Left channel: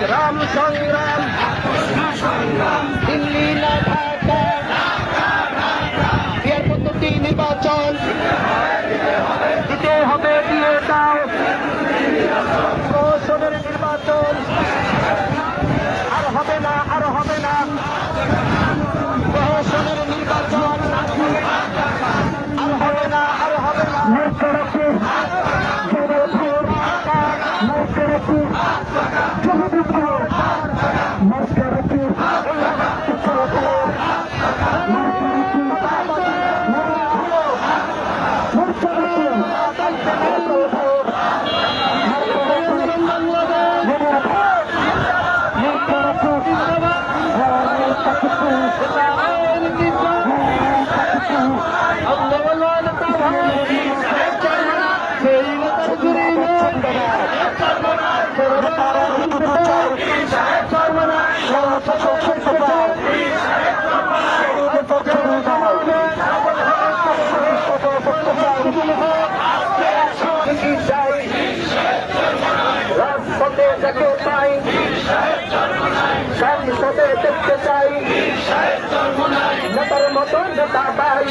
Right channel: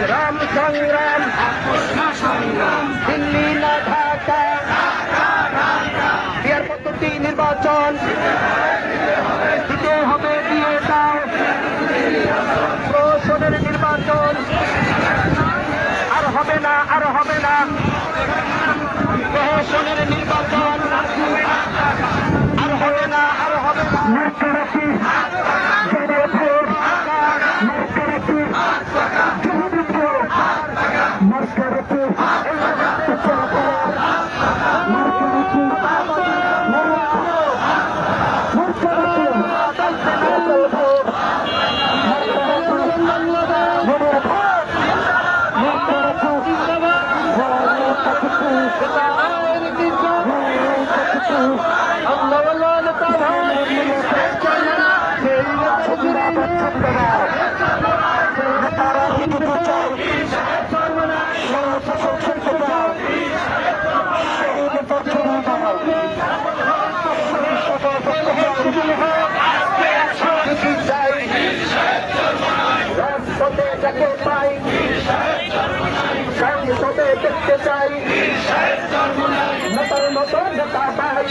সংগ্রাম সংগ্রাম দিল্লি না ঢাকা বিয়ার পদ্ধতি নির্বাচন দিতে হবে প্রহসনের নির্বাচন আর হবে না প্রহসনের নির্বাচন আর হবে না দেখতে চাই নেতার মতো নেতা পাই